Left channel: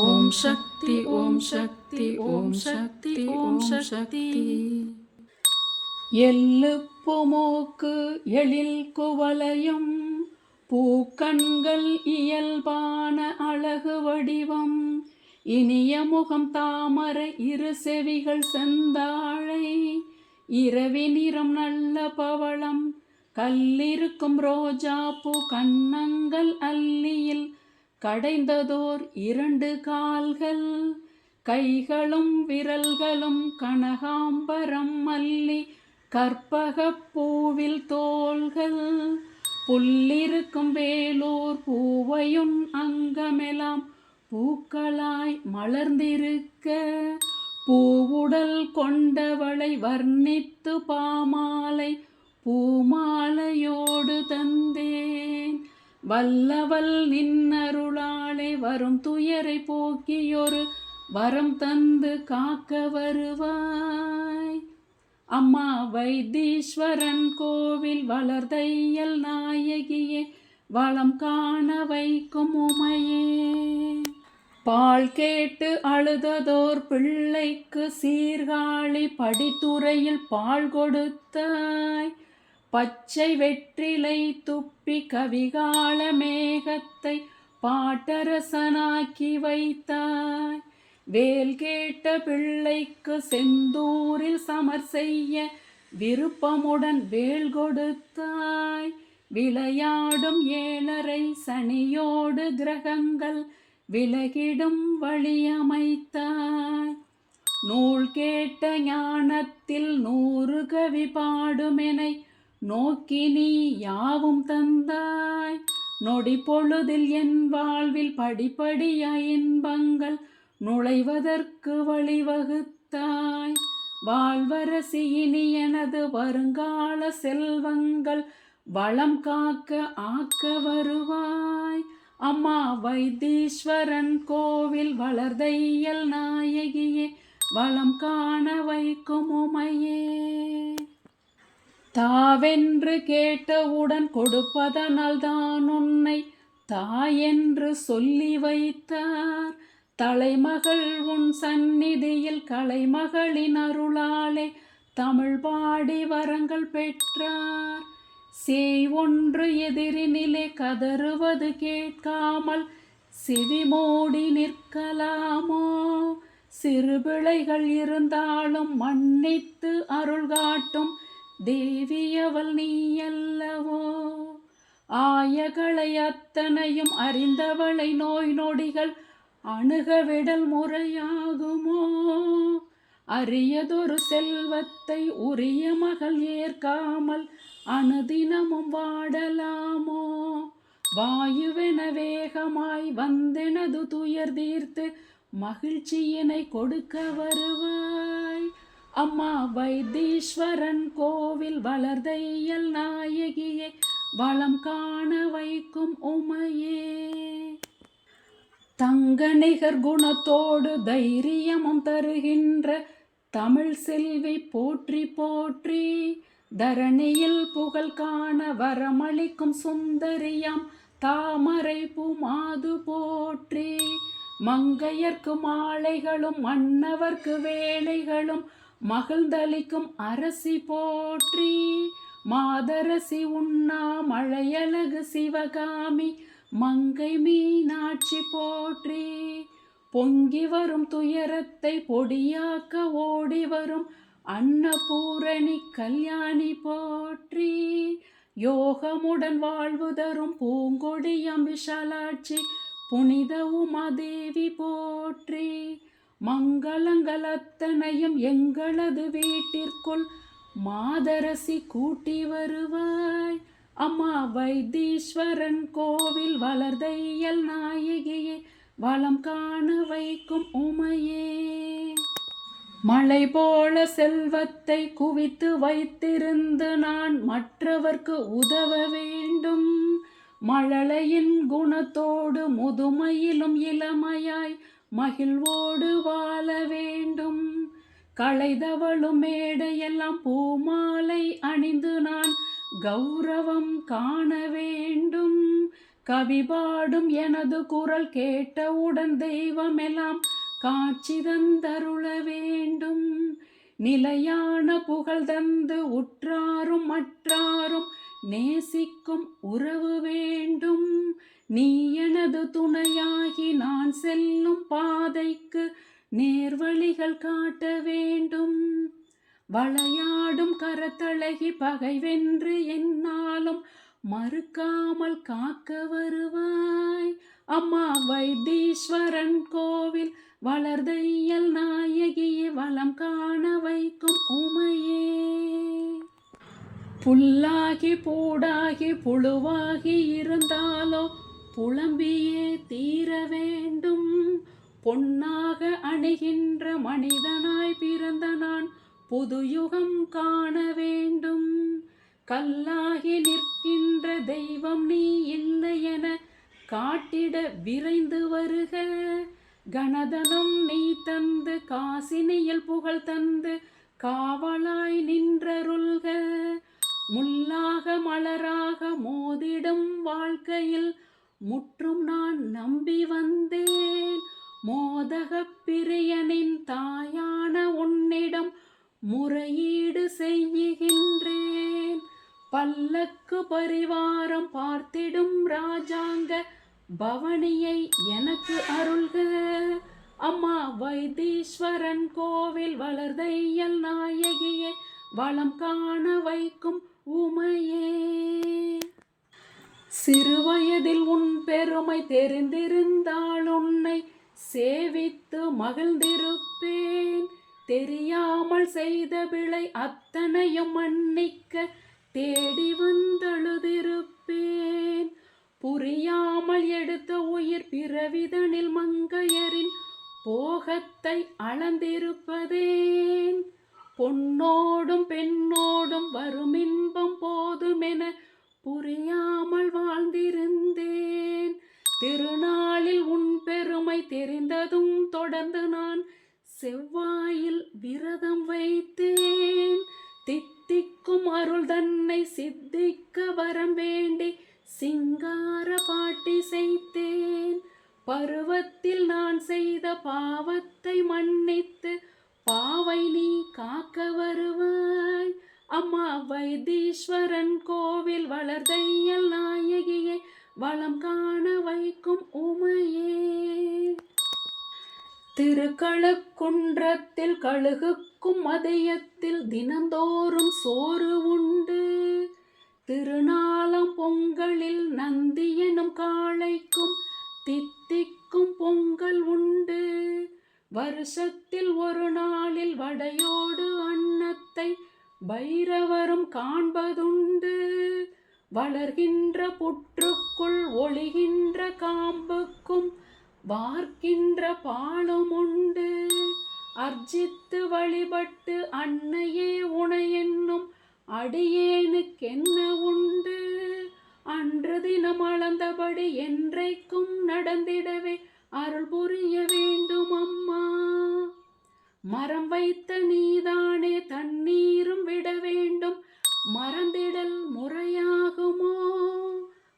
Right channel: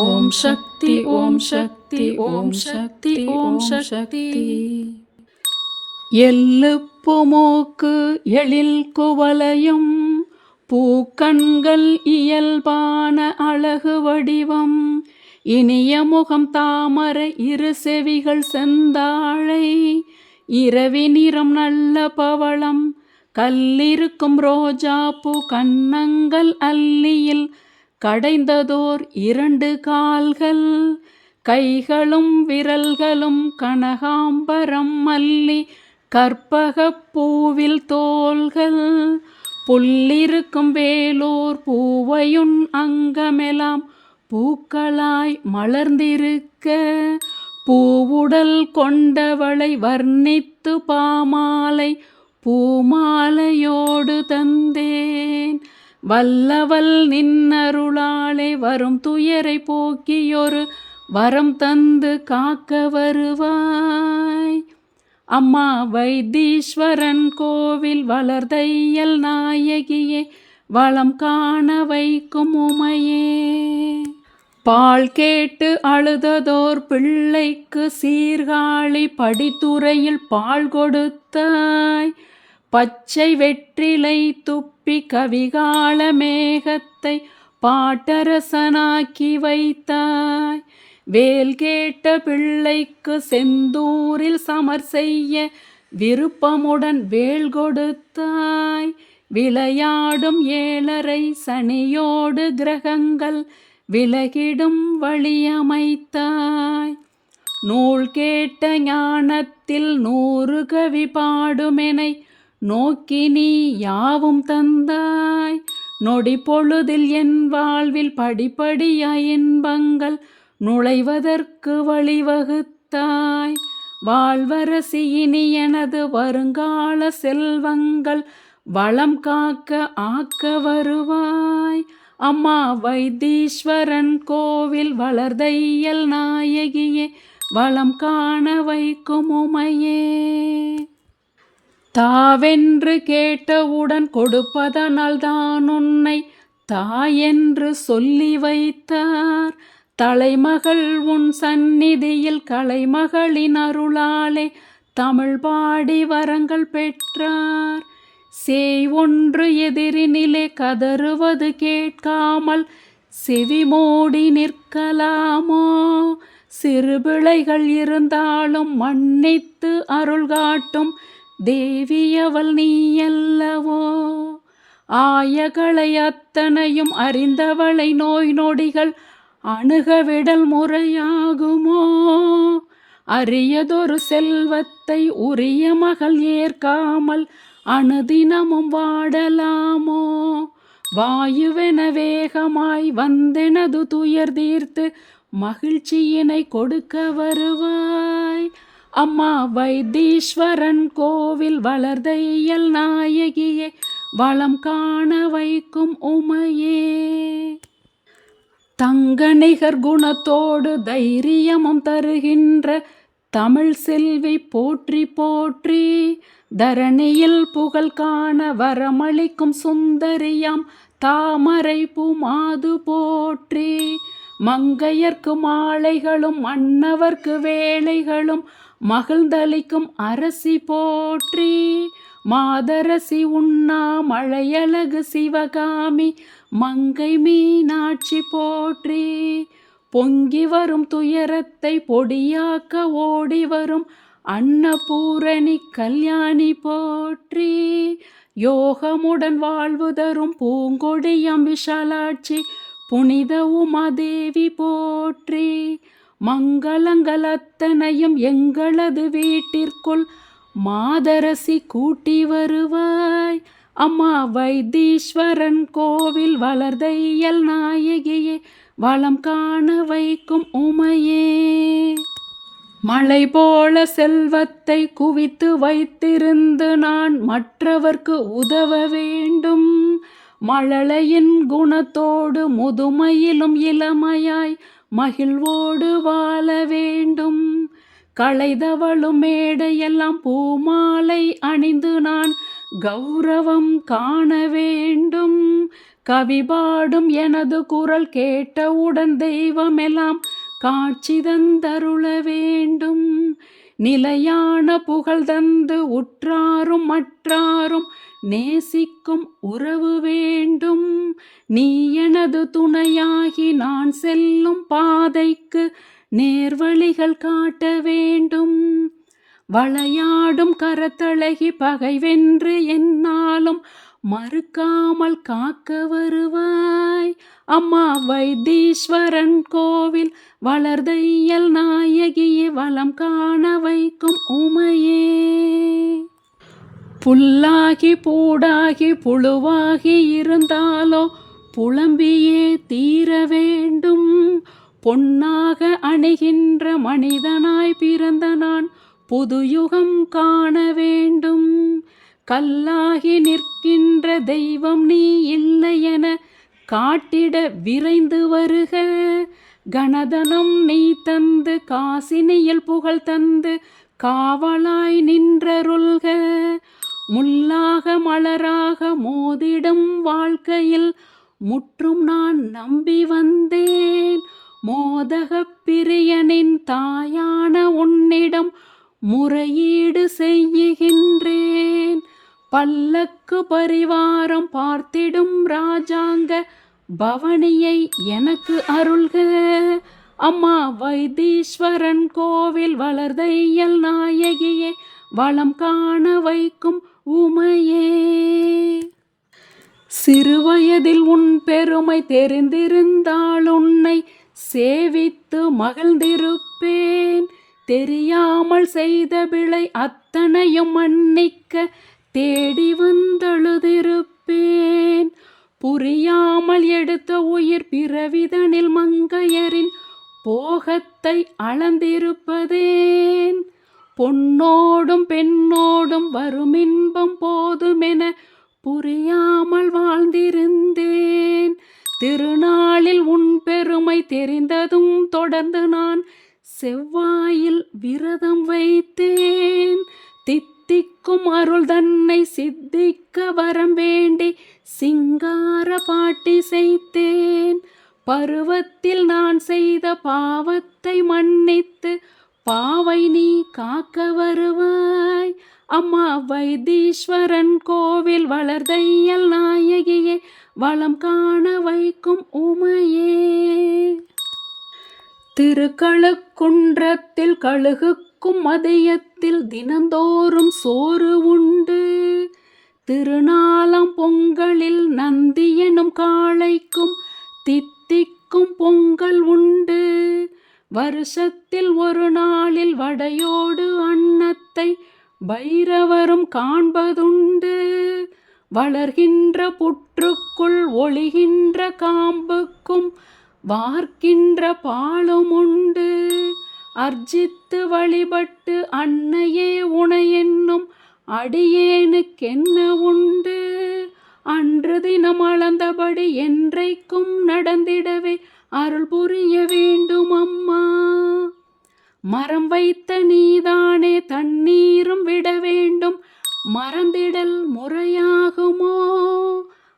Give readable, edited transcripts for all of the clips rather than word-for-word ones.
ஓம் சக்தி ஓம் சக்தி ஓம் சக்தி ஓம் சக்தி. எள்ளுப்பு மூக்கு எழில் குவலையும் பூக்கண்கள் இயல்பான அழகு வடிவம் இனிய முகம் தாமரை இரு செவிகள் செந்தாழை இரவி நிறம் நல்ல பவளம் கல்லிருக்கும் ரோஜா பூ கன்னங்கள் அல்லியில் கடைந்ததோர் 2 கால்கள் கைகளும் விரல்களும் கனகாம்பரம் மல்லி கற்பகப் பூவில் தோள்கள் புல்லிருக்கும் வேலூர் பூவையுன் அங்கமெலாம் பூக்களாய் மலர்ந்திருக்க பூவுடல் கொண்டவளை வர்ணித்து பாமாலை பூமாலையோடு தந்தேன். வல்லவள் நின்னருளாலே வரும் துயரை போக்கியொரு வரம் தந்து காக்க வருவாய். அம்மா வைத்தீஸ்வரன் கோவில் வளர்தையல் நாயகியே வளம் காண வைக்கும் உமையே. பால் கேட்டு அழுததோர் பிள்ளைக்கு சீர்காழி படித்துறையில் பால் கொடுத்தாய். பச்சை வெற்றிலை துப்பி கவிகால மேகத்தை பாட்டரசனாக்கி வைத்தாய். வேல் கேட்ட பிள்ளைக்கு செந்தூரில் சமர் செய்ய விருப்பமுடன் வேல் கொடுத்தாய். விளையாடும் 7.5 சனியோடு கிரகங்கள் விலகிடும் வழியமைத்தாய். நூல் கேட்ட ஞானத்தில் 100 கவி பாடுமெனை நோக்கி நீ யாவும் தந்தாய். நொடி பொழுதில் என் வாழ்வில் படிப்படியாய் இன்பங்கள் நுழைவதற்கு வழிவகுத்தாய். வாழ்வரசி இனி எனது வருங்கால செல்வங்கள் வளம் காக்க ஆக்க வருவாய். அம்மா வைத்தீஸ்வரன் கோவில் வளர்தையல் நாயகியே வளம் காண வைக்கும் உமையே. தாவென்று கேட்டவுடன் கொடுப்பதனால் தான் உன்னை தாயென்று சொல்லி வைத்தார். தலைமகள் உன் சந்நிதியில் கலைமகளின் அருளாலே தமிழ் பாடி வரங்கள் பெற்றார். சேய் ஒன்று எதிரினிலே கதறுவது கேட்காமல் செவி மூடி நிற்கலாமோ? சிறு பிழைகள் இருந்தாலும் மன்னித்து அருள் காட்டும் தேவியவள் நீயல்லவோ? ஆயகளை அத்தனையும் அறிந்தவளை நோய் நொடிகள் அணுகவிடல் முறையாகுமோ? அரியதொரு செல்வத்தை உரிய மகள் ஏற்காமல் அனுதினமும் வாடலாமோ? வாயுவென வேகமாய் வந்தெனது துயர் தீர்த்து மகிழ்ச்சியினை கொடுக்க வருவாய். அம்மா வைத்தீஸ்வரன் கோவில் வளர்தையல் நாயகியே வளம் காண வைக்கும் உமையே. தங்க நிகர் குணத்தோடு தைரியமும் தருகின்ற தமிழ் செல்வி போற்றி போற்றி. தரணியில் புகழ் காண வரமளிக்கும் சுந்தரியாம் தாமரை பூமாது போற்றி. மங்கையர்க்கு மாலைகளும் மன்னவர்க்கு வேலைகளும் மகிழ்ந்தளிக்கும் அரசி போற்றி. மாதரசி உண்ணா மழையழகு சிவகாமி மங்கை மீனாட்சி போற்றி. பொங்கி வரும் துயரத்தை பொடியாக்க ஓடி வரும் அன்னபூரணி கல்யாணி போற்றி. யோகமுடன் வாழ்வு தரும் பூங்கொடியாம் விஷாலாட்சி புனித உமாதேவி போற்றி. மங்களங்கள் அத்தனையும் எங்களது வீட்டிற்குள் மாதரசி கூட்டி வருவாய். அம்மா வைத்தீஸ்வரன் கோவில் வளர்தையல் நாயகியே வளம் காண வைக்கும் உமையே. மழை போல செல்வத்தை குவித்து வைத்திருந்து நான் மற்றவர்க்கு உதவ வேண்டும். மழலையின் குணத்தோடு முதுமையிலும் இளமையாய் மகிழ்வோடு வாழ வேண்டும். களைதவளும் மேடையெல்லாம் பூமாலை அணிந்து நான் கௌரவம் காண வேண்டும். கவி பாடும் எனது குரல் கேட்டவுடன் தெய்வமெல்லாம் காட்சி தந்தருள வேண்டும். நிலையான புகழ் தந்து உற்றாரும் மற்றாரும் நேசிக்கும் உறவு வேண்டும். நீ எனது துணையாகி நான் செல்லும் பாதைக்கு நேர்வழிகள் காட்ட வேண்டும். வளையாடும் கரத்தழகி பகை வென்று என்னாலும் மறுக்காமல் காக்க வருவாய். அம்மா வைத்தீஸ்வரன் கோவில் வளர்தையல் நாயகியே வளம் காண வைக்கும் உமையே. புல்லாகி பூடாகி புழுவாகி இருந்தாலோ புலம்பியே தீர வேண்டும். பொன்னாக அணிகின்ற மனிதனாய் பிறந்த நான் புதுயுகம் காண வேண்டும். கல்லாகி நிற்கின்ற தெய்வம் நீ இல்லை என காட்டிட விரைந்து வருக. கணதனம் நீ தந்து காசினியில் புகழ் தந்து காவலாய் நின்றருள்க. முள்ளாக மலராக மோதிடும் வாழ்க்கையில் முற்றும் நான் நம்பி வந்தேன். மோதகப் பிரியனின் தாயான உன்னிடம் முறையீடு செய்கின்றேன். பல்லக்கு பரிவாரம் பார்த்திடும் ராஜாங்க பவனியை எனக்கு அருள்க. அம்மா வைத்தீஸ்வரன் கோவில் வளர்தையல் நாயகியே வளம் காண வைக்கும் உமையே. சிறுவயதில் உன் பெருமை தெரிந்திருந்தால் உன்னை சேவித்து மகிழ்ந்திருப்பேன். தெரியாமல் செய்த பிழை அத்தனையும் மன்னிக்க தேடி வந்தழுதிருப்பேன். புரியாமல் எடுத்த உயிர் பிறவிதனில் மங்கையரின் போகத்தை அளந்திருப்பதேன். பொன்னோடும் பெண்ணோடும் வரும் இன்பம் போதுமென புரியாமல் வாழ்ந்திருந்தேன். திருநாளில் உன் பெருமை தெரிந்ததும் தொடர்ந்து நான் செவ்வாயில் விரதம் வைத்தேன். தித்திக்கும் அருள் தன்னை சித்திக்க வரம் வேண்டி சிங்கார பாட்டி செய்தேன். பருவத்தில் நான் செய்த பாவத்தை மன்னித்து பாவை நீ காக்க வருவாய். அம்மா வைத்தீஸ்வரன் கோவில் வளர்தையல் நாயகியே வளம் காண வைக்கும் உமையே. திருக்கழுக்குன்றத்தில் கழுகுக்கும் மதியத்தில் தினந்தோறும் சோறு உண்டு. திருநாளாம் பொங்கலில் நந்தி எனும் காளைக்கும் தித்திக்கும் பொங்கல் உண்டு. வருஷத்தில் ஒரு நாளில் வடையோடு அன்னத்தை பைரவரும் காண்பதுண்டு. வளர்கின்ற புற்றுக்குள் ஒளிகின்ற காம்புக்கும் வார்க்கின்ற பாலும் உண்டு. அர்ச்சித்து வழிபட்டு அன்னையே உனை என்னும் அடியேனுக்கென்ன உண்டு. அன்று தினம் அளந்தபடி என்றைக்கும் நடந்திடவே அருள் புரிய வேண்டும் அம்மா. மரம் வைத்த நீதானே தண்ணீரும் விட வேண்டும், மறந்திடல் முறையாகுமோ?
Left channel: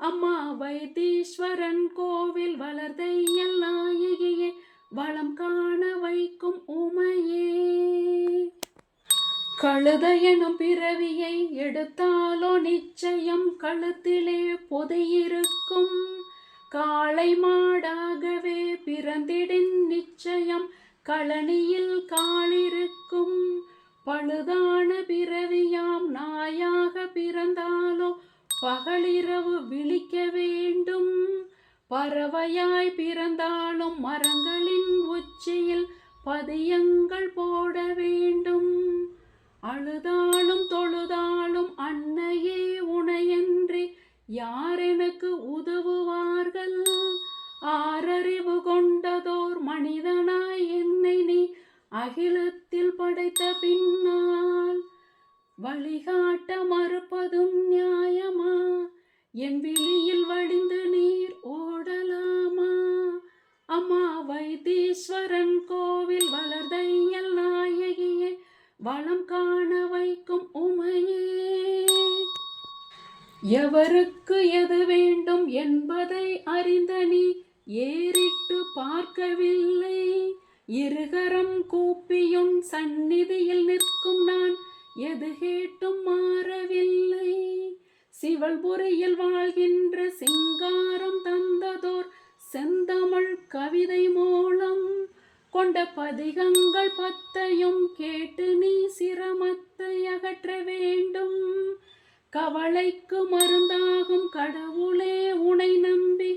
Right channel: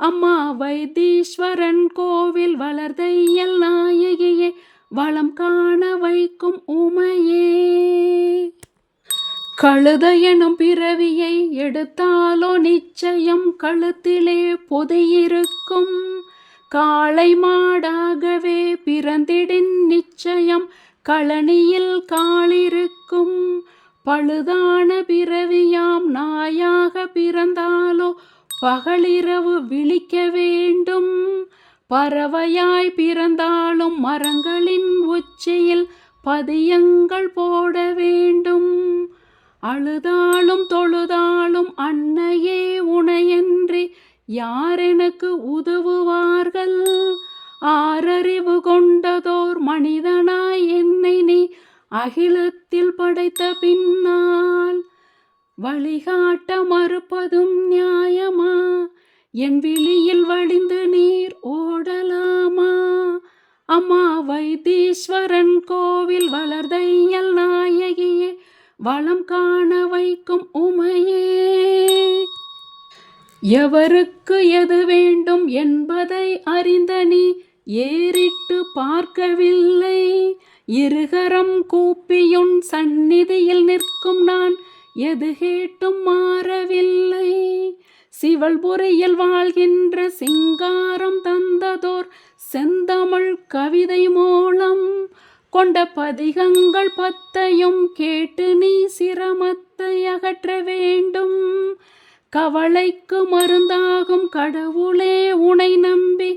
அம்மா வைத்தீஸ்வரன் கோவில் வளர்தையல் நாயகியே வளம் காண வைக்கும் உமையே. கழுத எனும் பிறவியை எடுத்தாலோ நிச்சயம் கழுத்திலே பொதியிருக்கும். காளை மாடாகவே பிறந்திடின் நிச்சயம் களனியில் காலிருக்கும். பழுதான பிறவியாம் நாயாக பிறந்தாலோ பகலிரவு விழிக்க வேண்டும். பறவையாய் பிறந்தாலும் மரங்களின் உச்சியில் பதியங்கள் போட வேண்டும். அழுதாலும் தொழுதாலும் அன்னையே உனையன்றி யார் எனக்கு உதவுவார்கள்? ஆறறிவு கொண்டதோர் மனிதனாய் என்னை நீ அகிலத்தில் படைத்த பின்னால் வழிகாட்ட மறுப்பதும் நியாயமா? என் விழியில் வழிந்து நீர் ஓடலாமா? அம்மா வைத்தீஸ்வரன் கோவில் வளர்தையல் நாயகியே வளம் காண வைக்கும் உமையே. எவருக்கு எது வேண்டும் என்பதை அறிந்த நீ ஏறிட்டு பார்க்கவில்லை. இருகரம் கூப்பியுன் சந்நிதியில் நிற்கும் நான் எது கேட்டும் மாறவில்லை. சிவல்புரியில் வாழ்கின்ற சிங்காரம் தந்ததோர் செந்தமிழ் கவிதை மூலம் கொண்ட பதிகங்கள் 10ஐயும் கேட்டு நீ சிரமத்தை அகற்ற வேண்டும். கவலைக்கு மருந்தாகும் கடவுளே, உனை நம்பி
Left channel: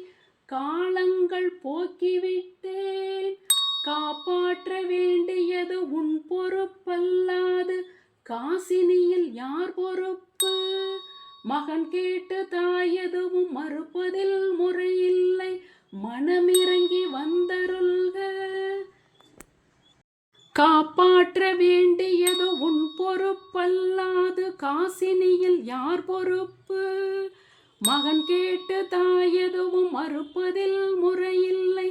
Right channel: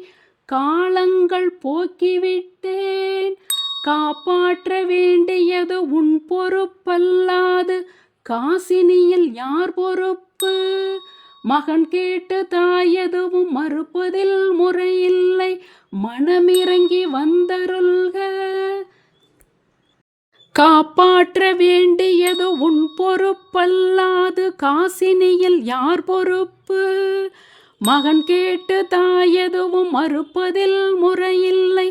காலங்கள் போக்கிவிட்டேன். காப்பாற்ற வேண்டியது உன் பொறுப்பல்லாது காசினியில் யார் பொறுப்பு? மகன் கேட்டு தாய் எதுவும் மறுப்பதில் முறையில்லை, மனமிறங்கி வந்தருள்க. காப்பாற்ற வேண்டியது உன் பொறுப்பல்லாது காசினியில் யார் பொறுப்பு? மகன் கேட்டு தாய் எதுவும் மறுப்பதில் முறையில்லை,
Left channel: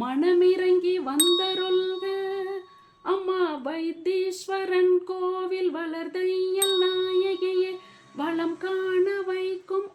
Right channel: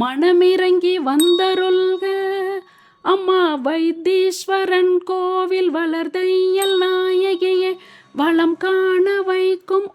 மனமிறங்கி வந்தருள்க. அம்மா வைத்தீஸ்வரன் கோவில் வளர்தையல் நாயகியே, வளம் காண வைக்கும்